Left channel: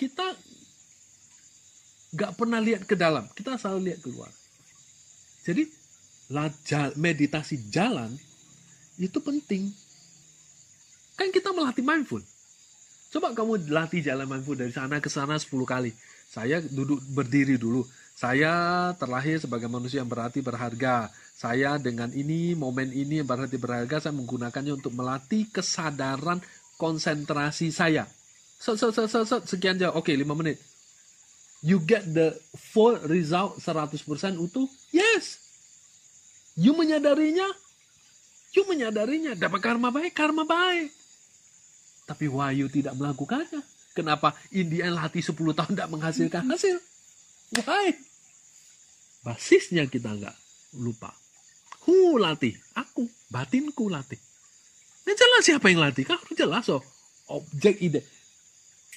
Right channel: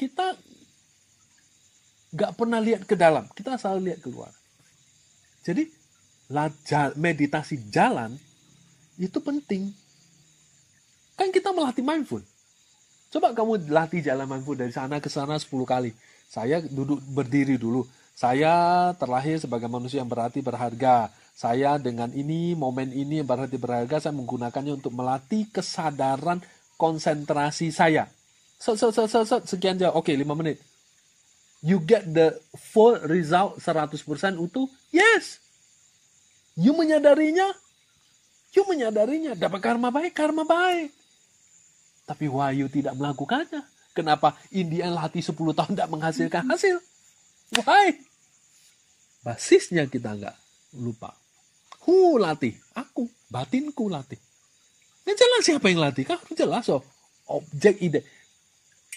kita nggak pernah lihat ke dalam, kita selalu lihat keluar. Jadi meditasi jalan itu penting. Kan kita melatih mindful. Coba kamu latih jalan mindful dari sana ke sana 10 kali. Saya duduk berdiri dulu. Saya terlahir sebagai manusia yang berarti berharga. Saya dengan ini, momen ini yang berarti berharga, saya menggunakannya untuk melatih kesadaran konsentrasi saya. Sekian jauh. Oke, 5 menit. You get the full result 100% utuh? Yes. You menyadarinya? Dapat karma baik. Tapi why you tidak melakukannya? Kenapa India latih 10 tahun tidak menghasilkan hasil? Why? Basisnya kita nggak lupa. Who latih? Aku. Batinku latih. Nah, jelas siapa yang latih? Kan harus jelas. Objek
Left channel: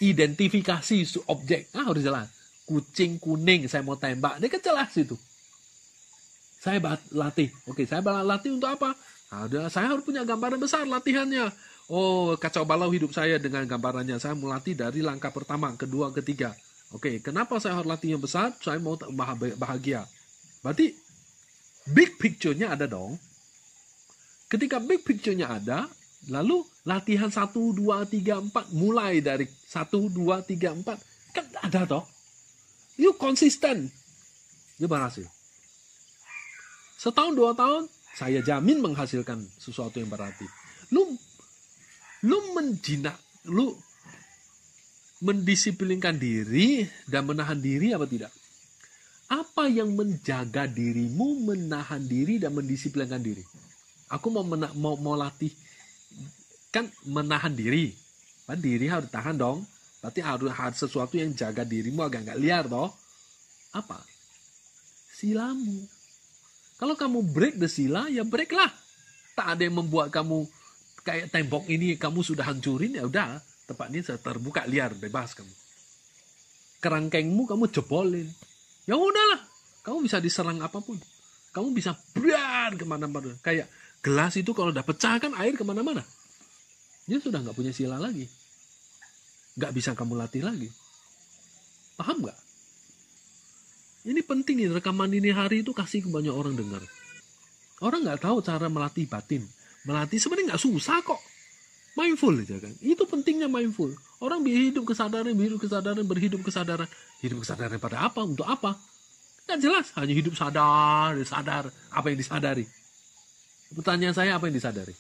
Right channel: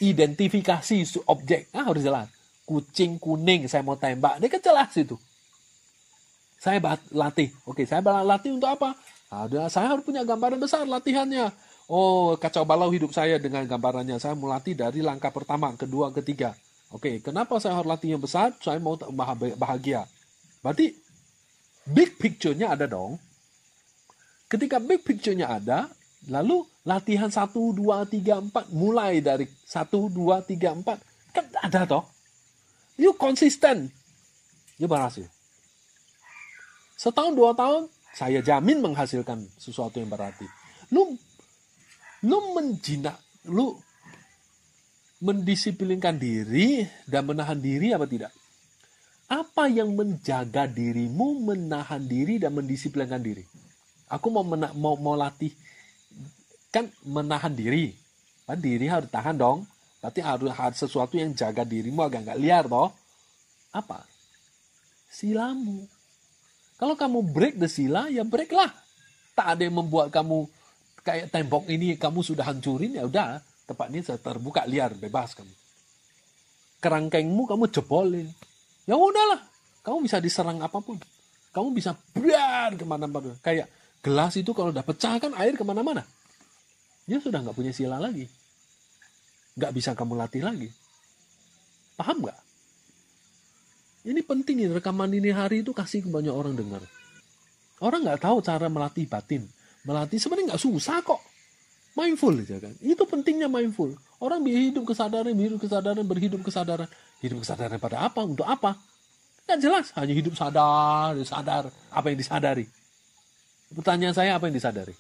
identifikasi objek. Harus jelas. Kucing kuning saya mau tembak. Ini kan jelas itu. Saya latih. Oke, saya latih untuk apa? Saya harus punya gambaran besar latihannya. Oh, kacau balau hidup saya dengan gambarannya. Saya mau latih dari langkah pertama, kedua, ketiga. Oke, kenapa saya harus latih yang besar? Saya mau bahagia. Berarti big picture-nya ada dong. Ketika big picture-nya ada, lalu latihan 1, 2, 3, 4. Mulai dari 1, 2, 3, 4. Kan ada toh. You konsisten. You berhasil. Setahun, 2 tahun, saya jamin menghasilkan sesuatu yang berarti. Lu mendisiplinkan diri dan menahan diri apa tidak? Apa yang menjaga dirimu, menahan diri dan mendisiplinkan diri? Aku mau latih kan menahan diri. Kan diri harus tahan dong. Berarti harus sesuatu yang jaga dirimu agar nggak liar toh. Apa? Silamu. Kalau kamu break the sila, ya break lah. Tak ada yang membuat kamu kayak tembok ini kamu sudah hancurin, ya udah. Tempat ini terbuka liar, bebas kamu. Kerangkengmu kamu jebolin. Ya udahlah. Kamu bisa diserang apapun. Kamu bisa biar kemana-mana. Kayak gelas itu kalau udah pecah kan air kemana-mana. Dia sudah nggak punya sila lagi. Nggak bisa kamu latih lagi. Paham nggak? Ini penting nih, rekaman ini hari itu kasih ke banyak orang dengar. Orang nggak tahu cara melatih batin. Melatih sebenarnya nggak susah kok. Mindful aja kan. Itu pentingnya mindful. Orang berhidup kesadaran. Hidup kesadaran pada apa? Untuk apa? Nggak jelas. Hanya hidup sadar. Apa yang disadari? Pertanyaan saya, apa yang disadari?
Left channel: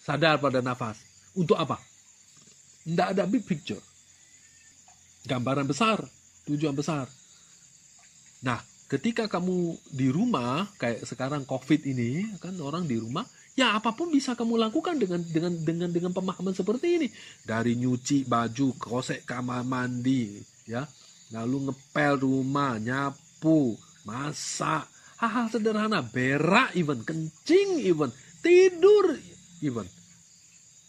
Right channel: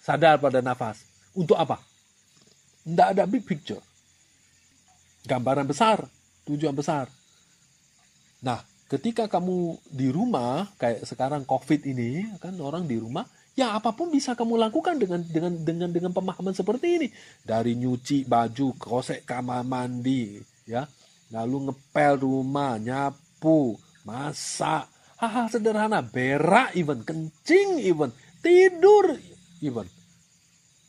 Sadar pada nafas. Untuk apa? Nggak ada big picture. Gambaran besar. Tujuan besar. Nah, ketika kamu di rumah, kayak sekarang COVID ini, kan orang di rumah, ya apapun bisa kamu lakukan dengan pemahaman seperti ini. Dari nyuci baju, gosek kamar mandi, ya, lalu ngepel rumah, nyapu, masak, hal-hal sederhana, berak even, kencing even, tidur even.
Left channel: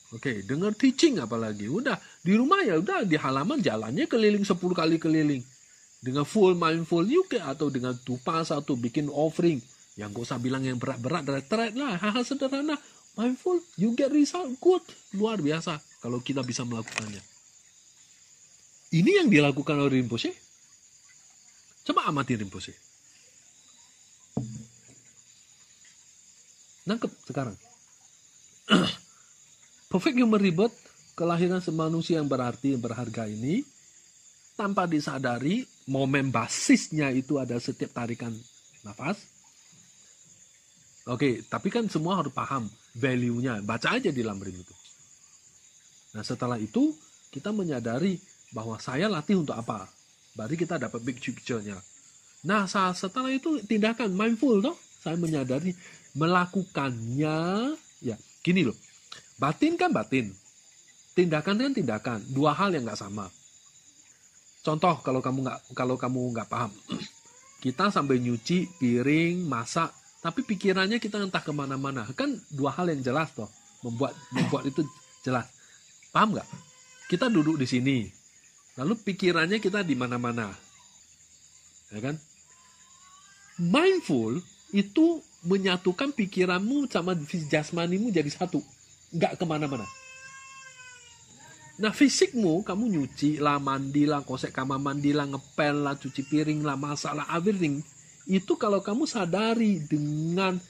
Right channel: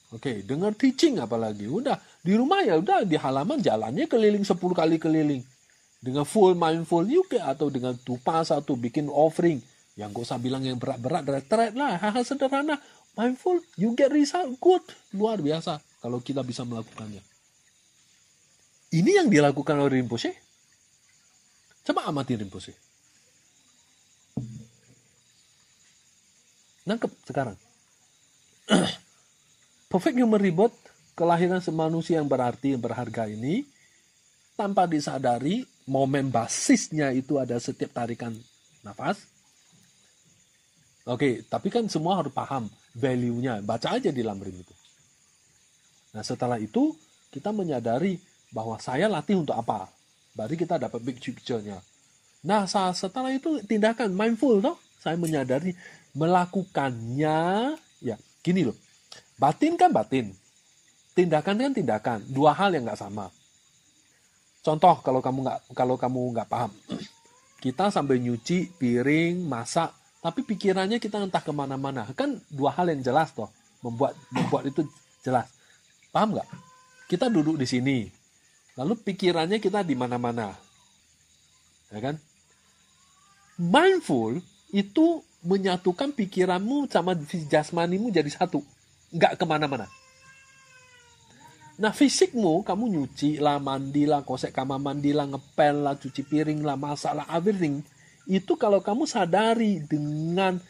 Oke, dengar teaching apalagi. Udah di rumah ya udah di halaman jalannya keliling 10 kali keliling. Dengan full mindful juga atau dengan tupas atau bikin offering. Yang gak usah bilang yang berat-berat, berat lah. Hal-hal sederhana. Mindful, you get result, good. Luar biasa kalau kita bisa melakukannya. Ini yang dilakukan oleh Rinpoche. Coba amati Rinpoche. Nangkep sekarang. Perfect Human Rebirth, kelahiran semanusia yang berarti, yang berharga ini, tanpa disadari, momen basisnya itu ada setiap tarikan nafas. Oke, tapi kan semua harus paham value-nya. Baca aja di Lamrim itu. Nah, setelah itu, kita menyadari bahwa saya latih untuk apa. Baru kita dapat big picture-nya. Nah, setelah itu tindakan mindful, toh. Saya menyadari melakukannya. Ya, gini loh. Batin kan batin. Tindakan kan tindakan. Dua hal yang nggak sama. Contoh kalau kamu nggak paham, kita sambil nyuci piring, masak, tapi pikirannya kita entah kemana-mana. Kan dua hal yang jelas toh, membuat itu jelas. Paham nggak? Kita duduk di sini, lalu pikirannya kita di mana-mana, ya kan? Mindful itu menyatukan pikiranmu sama jasmanimu jadi satu, nggak kemana-mana. Nah fisikmu, kamu nyuci lah, mandi lah, kosek kamar mandi lah, ngepel lah, cuci piring lah, masak lah, everything. Itu kalau kamu sadari dengan,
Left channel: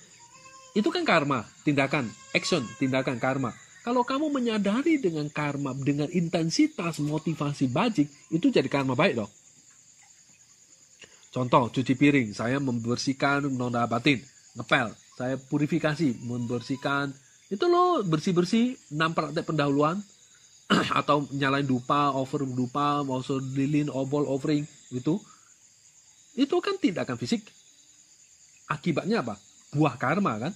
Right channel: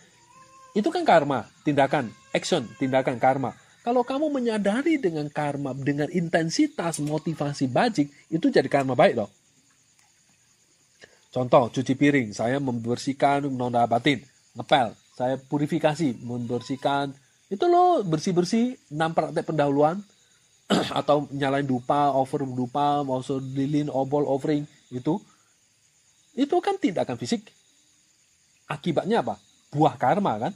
itu kan karma, tindakan, action, tindakan karma. Kalau kamu menyadari dengan karma, dengan intensitas motivasi bajik, itu jadi karma baik loh. Contoh, cuci piring, saya membersihkan noda batin, ngepel, saya purifikasi, membersihkan, itu loh bersih-bersih, 6 praktek pendahuluan, atau nyalain dupa, over dupa, also lilin, obol, offering, itu kan tindakan fisik. Akibatnya apa? Buah karma kan?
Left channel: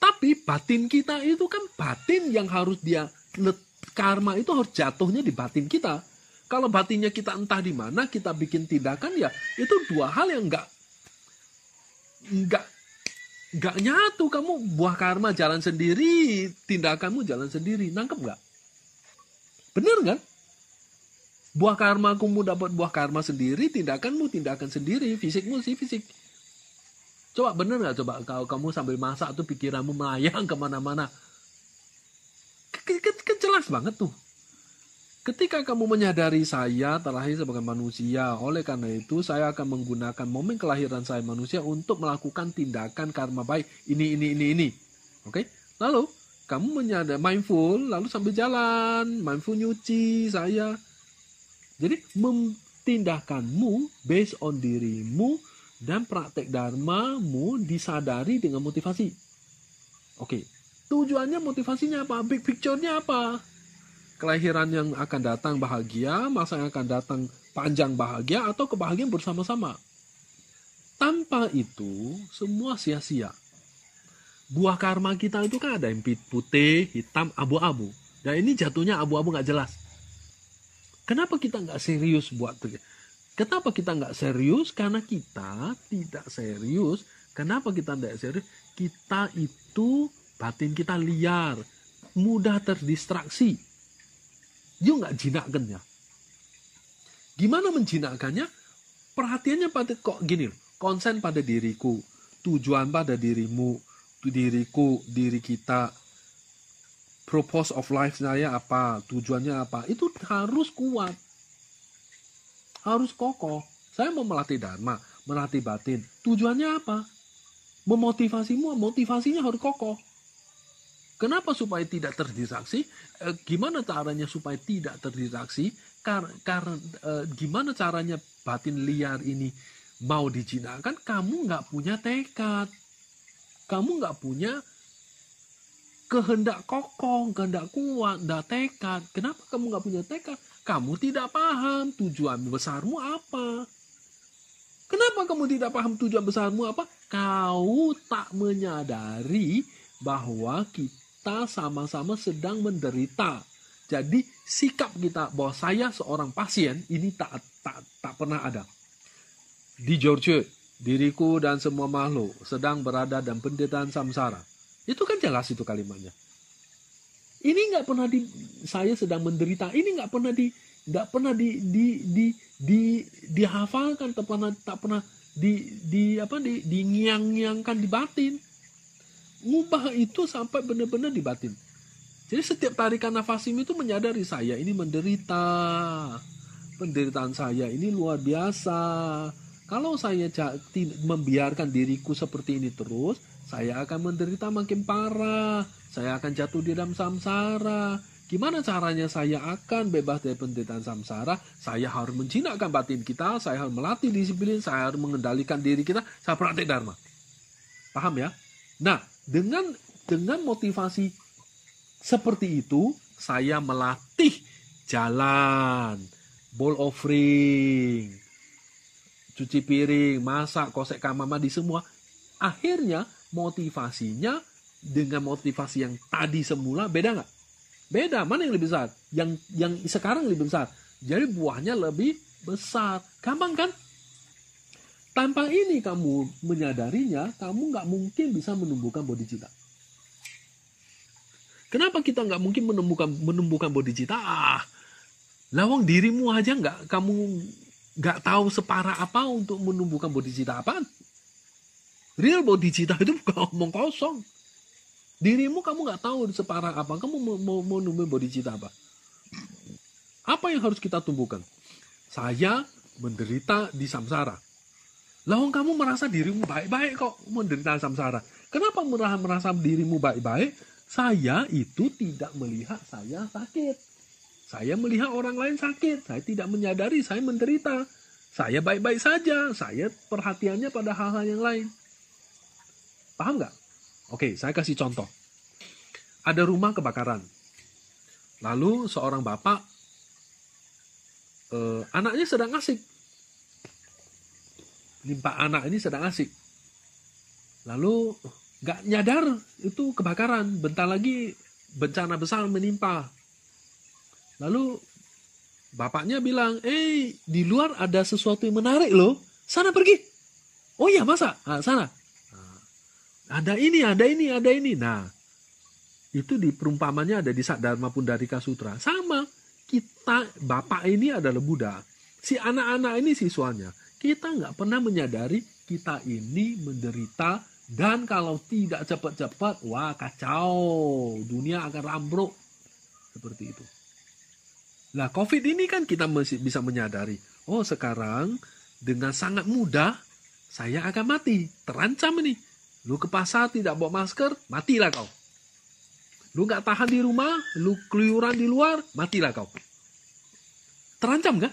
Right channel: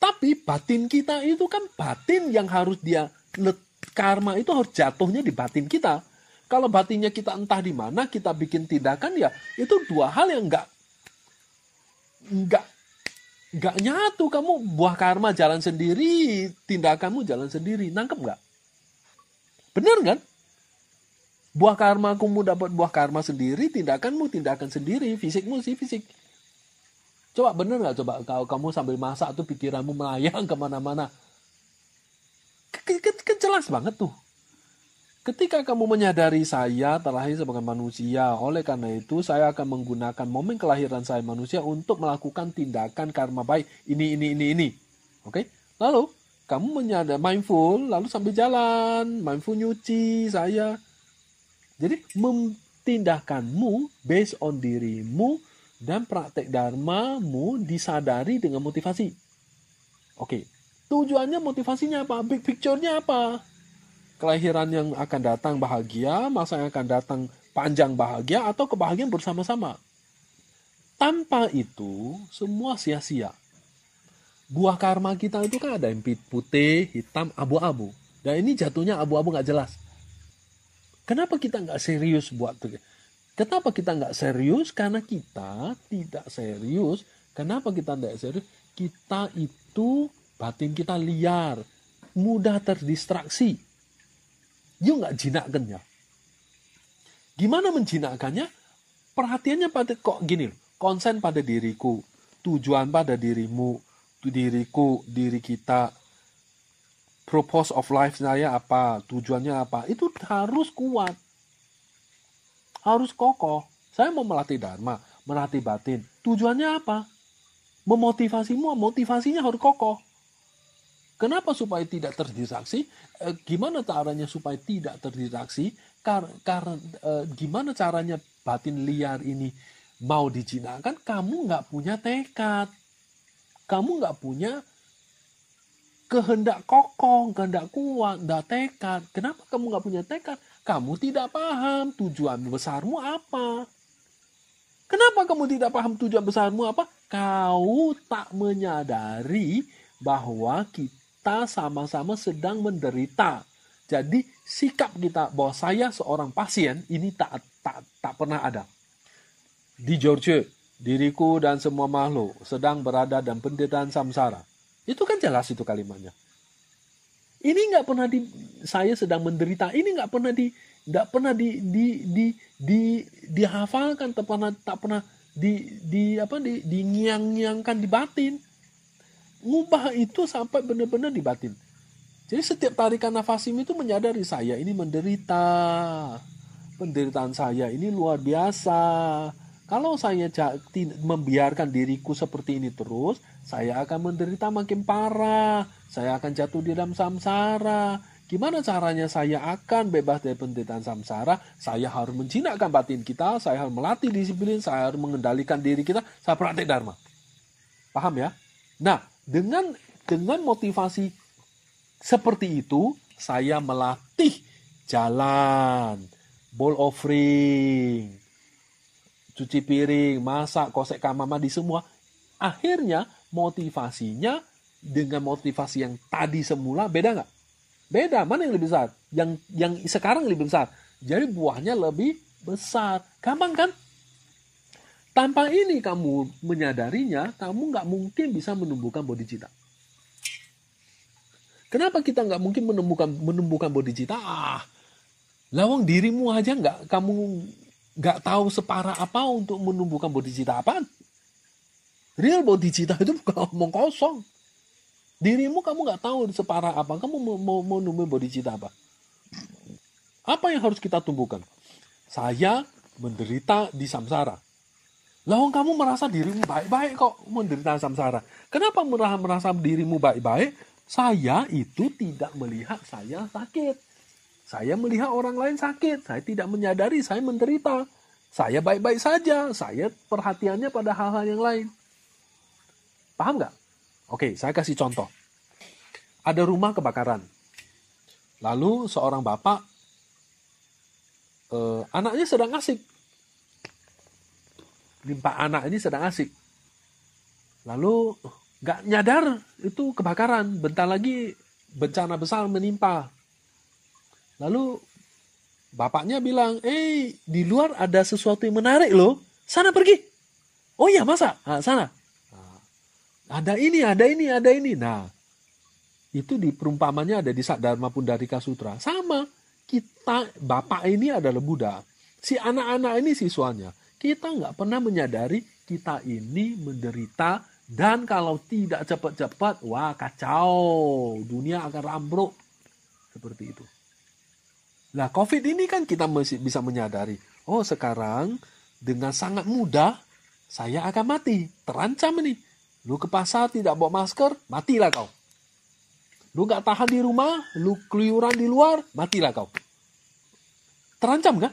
Tapi batin kita itu kan batin yang harus karma itu harus jatuhnya di batin kita. Kalau batinnya kita entah di mana, kita bikin tindakan ya, itu dua hal yang nggak nyatu. Kamu buah karma jalan sendiri, tindakanmu jalan sendiri. Nangkep nggak? Bener kan? Buah karma kamu dapat buah karma sendiri, tindakanmu tindakan sendiri, fisikmu sih fisik. Coba bener nggak? Coba kalau kamu sambil masak tuh pikiranmu melayang kemana-mana. Kan jelas banget tuh. Ketika kamu menyadari saya terlahir sebagai manusia, oleh karena itu saya akan menggunakan momen kelahiran saya manusia untuk melakukan tindakan karma baik. Ini. Oke? Lalu kamu menyadari mindful, lalu sambil jalan, mindful nyuci saya. Jadi tindakanmu based on dirimu dan praktek dharmamu disadari dengan motivasi. Oke, tujuannya motivasinya apa? Big picture-nya apa? Kelahiran yang akan datang bahagia, masa yang akan datang panjang bahagia, atau kebahagiaan bersama-sama. Tanpa itu, semua sia-sia. Buah karma kita itu kan ada yang putih, hitam, abu-abu. Dan ini jatuhnya abu-abu gak jelas. Kenapa kita gak serius buat itu? Kenapa kita nggak serius? Karena kita tidak serius. Kenapa kita tidak serius? Kita itu, batin kita liar. Mudah terdistraksi. You nggak jinakkan ya. Gimana menjinakkannya? Perhatiannya pada kok gini. Konsen pada diriku. Tujuan pada dirimu. Diriku, diri kita. Purpose of life saya apa? Tujuannya apa? Itu harus kuat. Harus kokoh. Saya mau melatih dharma, melatih batin. Tujuannya apa? Memotivasimu, motivasinya harus kokoh. Kenapa supaya tidak terdistraksi? Gimana caranya supaya tidak terdistraksi? Gimana caranya batin liar ini mau dijinakkan? Kamu nggak punya tekad. Kamu nggak punya kehendak kokoh, kehendak kuat, nggak tekad. Kenapa kamu nggak punya tekad? Kamu tidak paham tujuan besarmu apa. Kenapa kamu tidak paham tujuan besarmu apa? Kau tak menyadari bahwa kita sama-sama sedang menderita. Jadi sikap kita bahwa saya seorang pasien ini tak pernah ada. Di Georgia, diriku dan semua makhluk sedang berada dalam penderitaan samsara. Itu kan jelas itu kalimatnya. Ini nggak pernah saya sedang menderita. Ini nggak pernah dihafalkan, tak pernah dingiang-ngiangkan di batin. Ngubah itu sampai benar-benar di batin. Jadi setiap tarikan nafas itu menyadari saya ini menderita. Penderitaan saya ini luar biasa. Kalau saya membiarkan diriku seperti ini terus, saya akan menderita makin parah. Saya akan jatuh di dalam samsara. Gimana caranya saya akan bebas dari penderitaan samsara? Saya harus menjinakkan batin kita, saya harus melatih disiplin, saya harus mengendalikan diri kita, saya praktek dharma. Paham ya? Nah, dengan motivasi seperti itu, saya melatih jalan, bowl offering, cuci piring, masak, kosek kamar mandi semua. Akhirnya motivasinya dengan motivasi yang tadi semula beda nggak? Beda. Mana yang lebih besar? Yang sekarang lebih besar. Jadi buahnya lebih besar. Gampang kan? Tanpa ini kamu menyadarinya, kamu nggak mungkin bisa menumbuhkan bodhicitta. Kenapa kita nggak mungkin menumbuhkan bodhicitta? Lawang dirimu aja kamu nggak tahu separah apa untuk menumbuhkan bodhicitta apaan. Real bodhicitta itu bukan omong kosong. Dirimu kamu nggak tahu separah apa. Kamu mau numbuhin bodhicitta apa? Apa yang harus kita tumbuhkan? Saya menderita di samsara. Lah kamu merasa dirimu baik-baik kok menderita samsara. Kenapa merasa dirimu baik-baik? Saya itu tidak melihat saya sakit. Saya melihat orang lain sakit. Saya tidak menyadari saya menderita. Saya baik-baik saja. Saya perhatiannya pada hal-hal yang lain. Paham nggak? Oke, saya kasih contoh. Ada rumah kebakaran. Lalu seorang bapak, anaknya sedang asik. Pak anak ini sedang asik. Lalu nggak nyadar itu kebakaran. Bentar lagi bencana besar menimpa. Lalu bapaknya bilang, di luar ada sesuatu yang menarik loh. Sana pergi. Oh iya, masa? Sana. Ada ini. Nah, itu di perumpamannya ada di Dharma Pundarika Sutra. Sama, kita, bapak ini adalah Buddha. Si anak-anak ini siswanya. Kita nggak pernah menyadari kita ini menderita. Dan kalau tidak cepat-cepat, wah kacau. Dunia akan rambruk. Seperti itu. Nah, COVID ini kan kita masih bisa menyadari. Oh, sekarang dengan sangat mudah, saya akan mati. Terancam ini. Lu ke pasar tidak bawa masker, matilah kau. Lu nggak tahan di rumah, lu keluyuran di luar, matilah kau. Terancam kan?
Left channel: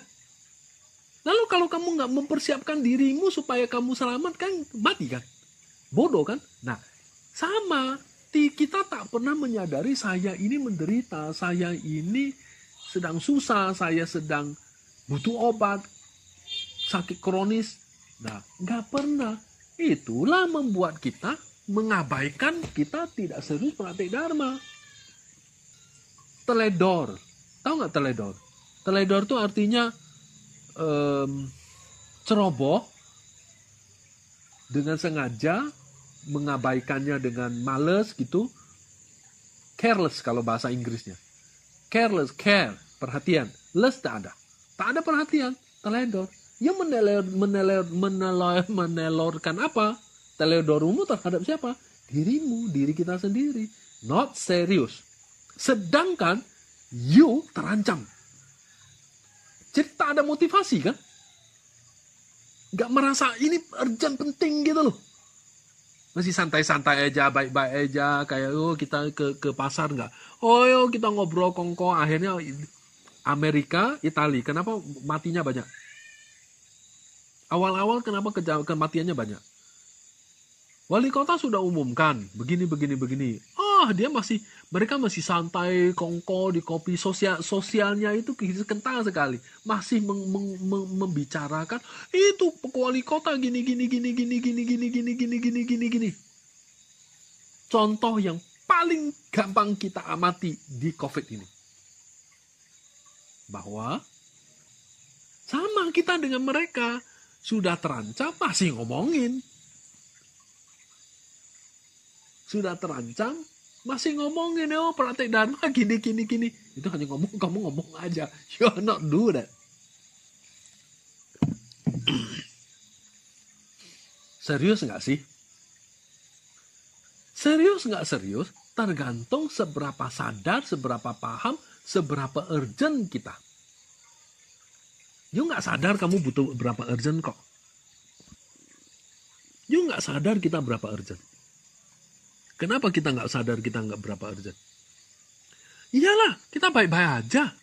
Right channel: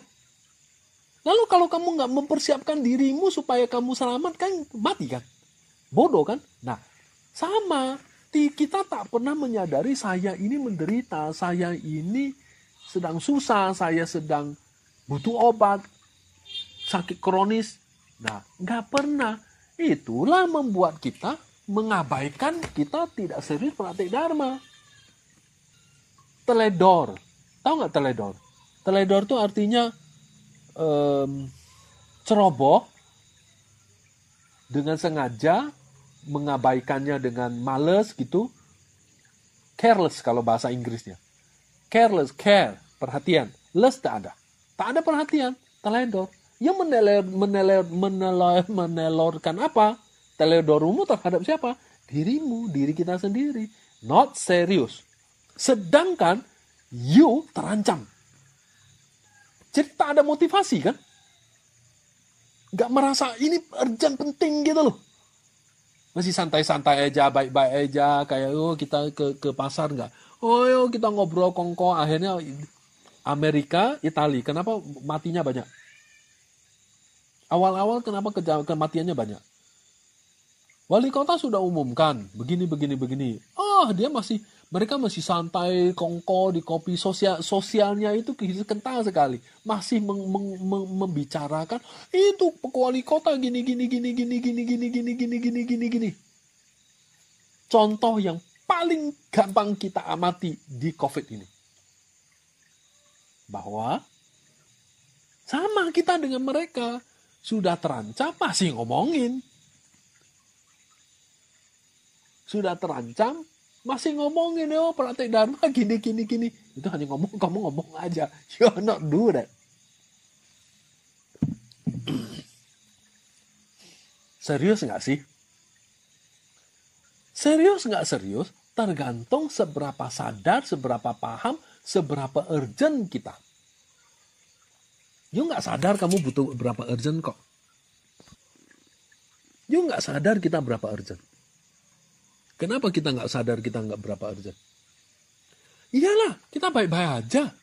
Lalu kalau kamu nggak mempersiapkan dirimu supaya kamu selamat kan, mati kan? Bodoh kan? Nah, sama. Kita tak pernah menyadari saya ini menderita, saya ini sedang susah, saya sedang butuh obat, sakit kronis. Nah, nggak pernah. Itulah membuat kita mengabaikan, kita tidak serius praktik Dharma. Teledor. Tahu nggak teledor? Teledor itu artinya ceroboh dengan sengaja, mengabaikannya dengan males gitu. Careless kalau bahasa Inggrisnya. Careless, care, perhatian. Less tak ada. Tak ada perhatian, teledor. Yang menelorkan apa? Teledormu terhadap siapa? Dirimu, diri kita sendiri. Not serious. Sedangkan you terancam. Jadi tak ada motivasi kan? Gak merasa ini urgent penting gitu loh. Masih santai-santai aja, baik-baik aja. Kayak kita ke pasar gak? Kita ngobrol kongko. Akhirnya Amerika, Italia. Kenapa matinya banyak? Awal-awal kenapa kematiannya banyak? Wali kota sudah umumkan begini. Mereka masih santai, kongko di kopi, sosialnya itu kental sekali. Masih membicarakan itu wali kota gini. Contoh yang paling gampang kita amati di COVID ini. Bahwa sama kita dengan mereka sudah terancam masih ngomongin. Sudah terancam, masih ngomongin, praktek Dharma gini. Itu hanya kamu ngomong aja. You're not do that. Serius nggak sih? Serius nggak serius, tergantung seberapa sadar, seberapa paham, seberapa urgent kita. You nggak sadar kamu butuh berapa urgent kok. You nggak sadar kita berapa urgent. Kenapa kita nggak sadar kita nggak berapa urgent? Iyalah, kita baik-baik aja.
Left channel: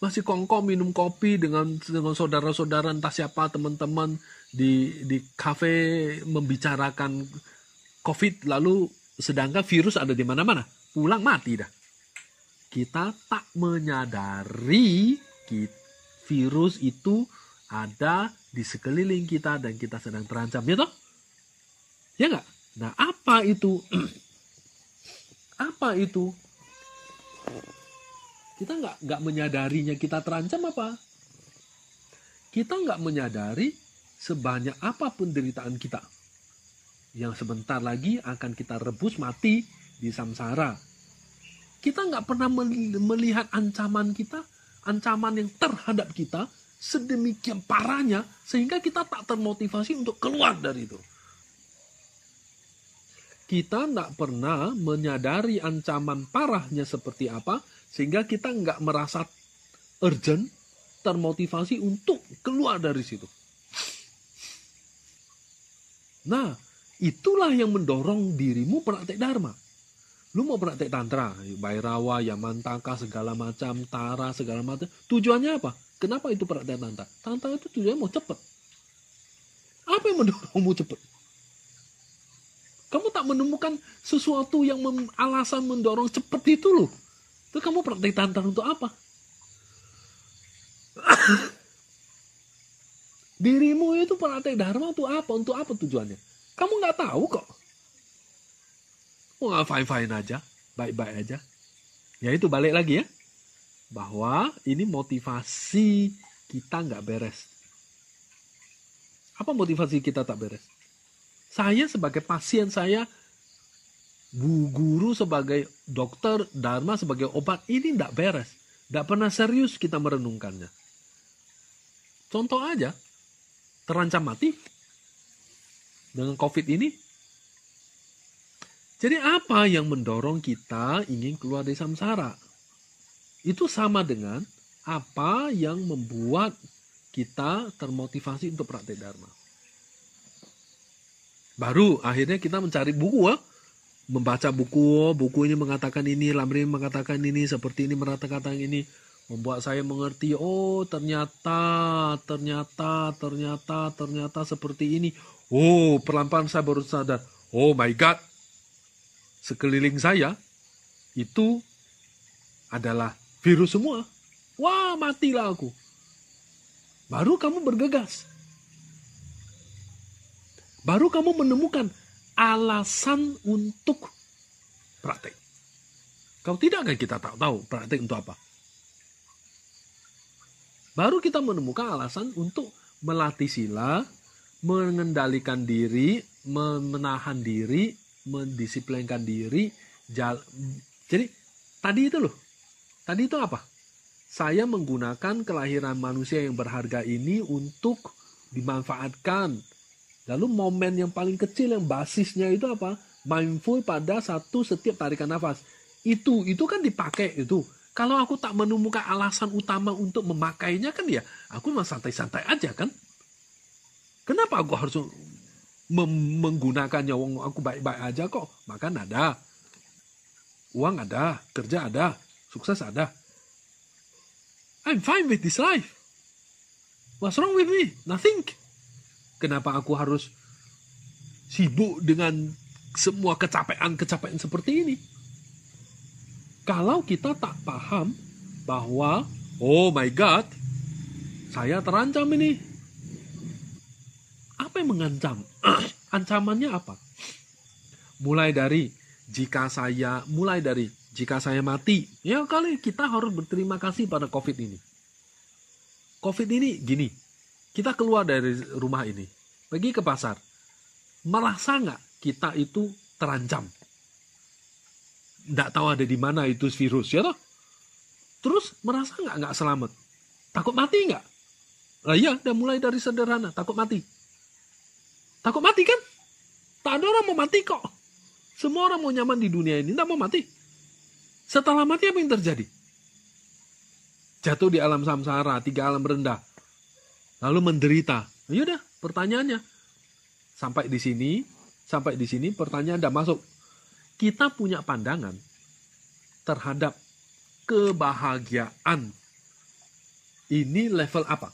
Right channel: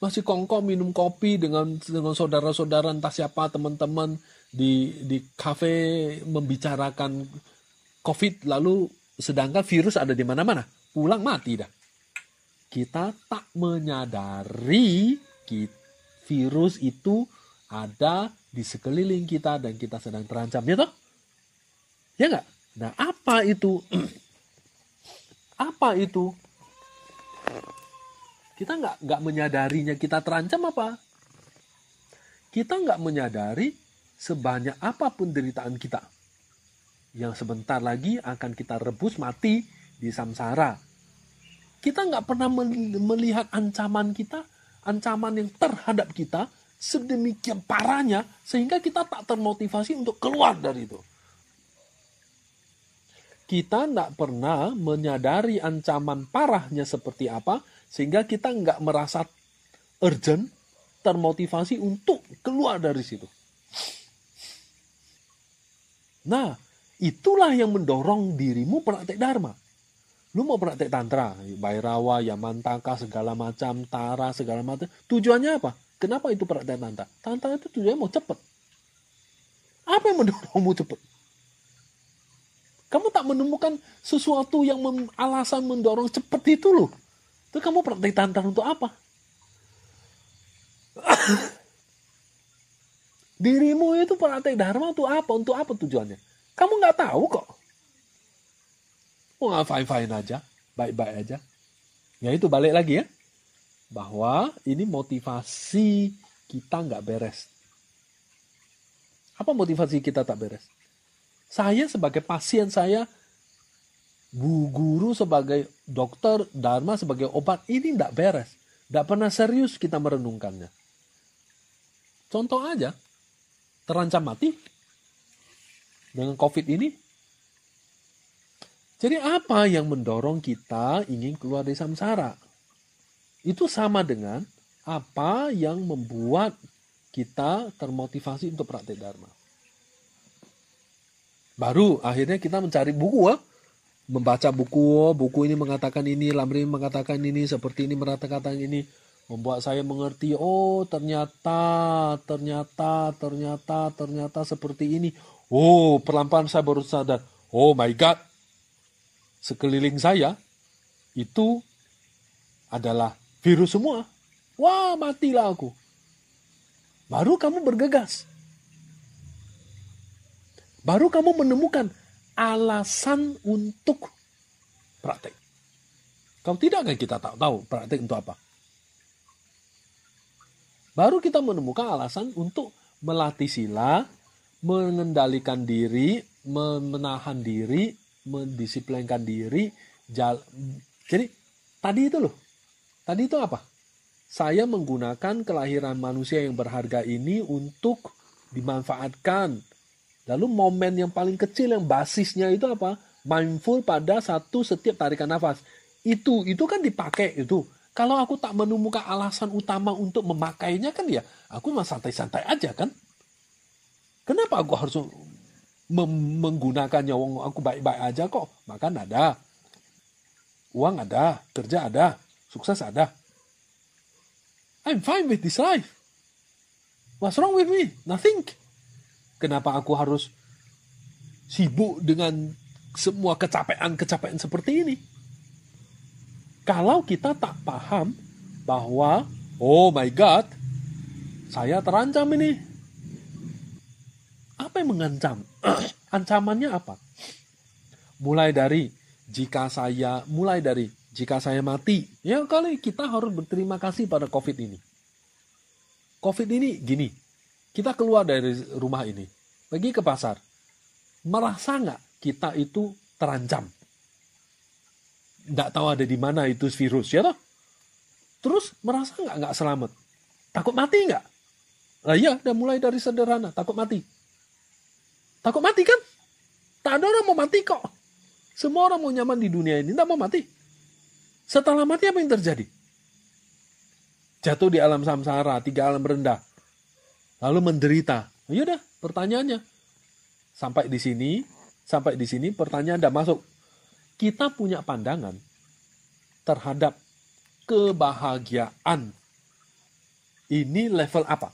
Masih kongko minum kopi dengan saudara-saudara entah siapa, teman-teman di kafe membicarakan COVID, lalu sedangkan virus ada di mana-mana. Pulang mati dah. Kita tak menyadari virus itu ada di sekeliling kita dan kita sedang terancam, ya toh? Ya nggak? Nah, apa itu? Apa itu? Kita nggak menyadarinya kita terancam apa? Kita nggak menyadari sebanyak apapun penderitaan kita. Yang sebentar lagi akan kita rebus mati di samsara. Kita nggak pernah melihat ancaman kita, ancaman yang terhadap kita sedemikian parahnya sehingga kita tak termotivasi untuk keluar dari itu. Kita nggak pernah menyadari ancaman parahnya seperti apa, sehingga kita nggak merasa urgent, termotivasi untuk keluar dari situ. Nah, itulah yang mendorong dirimu praktek Dharma. Lu mau praktek Tantra, Bhairava, Yamantaka, segala macam, Tara, segala macam. Tujuannya apa? Kenapa itu praktek Tantra? Tantra itu tujuannya mau cepet. Apa yang mendorongmu cepet? Kamu tak menemukan sesuatu yang alasan mendorong cepet itu loh. Itu kamu praktek Tantra untuk apa? Dirimu itu praktek Dharma untuk apa? Untuk apa tujuannya? Kamu nggak tahu kok. Nggak fine-fine aja. Baik-baik aja. Ya itu balik lagi ya. Bahwa ini motivasi kita nggak beres. Apa motivasi kita tak beres? Saya sebagai pasien, saya Bu Guru sebagai dokter, Dharma sebagai obat, ini nggak beres. Nggak pernah serius kita merenungkannya. Contoh aja, terancam mati dengan COVID ini. Jadi apa yang mendorong kita ingin keluar dari samsara? Itu sama dengan apa yang membuat kita termotivasi untuk praktek Dharma. Baru akhirnya kita mencari buku, membaca buku ini mengatakan ini, Lamrim mengatakan ini, seperti ini mengatakan ini. Membuat saya mengerti, oh ternyata seperti ini. Oh, pelan-pelan saya baru sadar. Oh my God, sekeliling saya itu adalah virus semua. Wah, matilah aku. Baru kamu bergegas. Baru kamu menemukan alasan untuk praktek. Kalau tidak kan kita tak tahu praktek untuk apa. Baru kita menemukan alasan untuk melatih sila, mengendalikan diri, menahan diri, mendisiplinkan diri. Jadi tadi itu loh. Tadi itu apa? Saya menggunakan kelahiran manusia yang berharga ini untuk dimanfaatkan. Lalu momen yang paling kecil yang basisnya itu apa? Mindful pada setiap tarikan nafas. Itu kan dipakai itu. Kalau aku tak menemukan alasan utama untuk memakainya kan ya, aku mah santai-santai aja kan. Kenapa aku harus menggunakannya? Aku baik-baik aja kok. Makan ada, uang ada, kerja ada, sukses ada. I'm fine with this life. What's wrong with me? Nothing. Kenapa aku harus sibuk dengan semua kecapean seperti ini? Kalau kita tak paham bahwa, oh my God, saya terancam ini. Apa yang mengancam? Ancamannya apa? Mulai dari jika saya mati, ya kali kita harus berterima kasih pada COVID ini. COVID ini gini, kita keluar dari rumah ini, pergi ke pasar, merasa nggak kita itu terancam? Nggak tahu ada di mana itu virus, ya toh? Terus merasa nggak selamat? Takut mati nggak? Nah iya, udah mulai dari sederhana, takut mati. Takut mati kan? Tak ada orang mau mati kok. Semua orang mau nyaman di dunia ini, nggak mau mati. Setelah mati apa yang terjadi? Jatuh di alam samsara, 3 alam rendah. Lalu menderita. Yaudah, pertanyaannya. Sampai di sini pertanyaan udah masuk. Kita punya pandangan terhadap kebahagiaan. Ini level apa?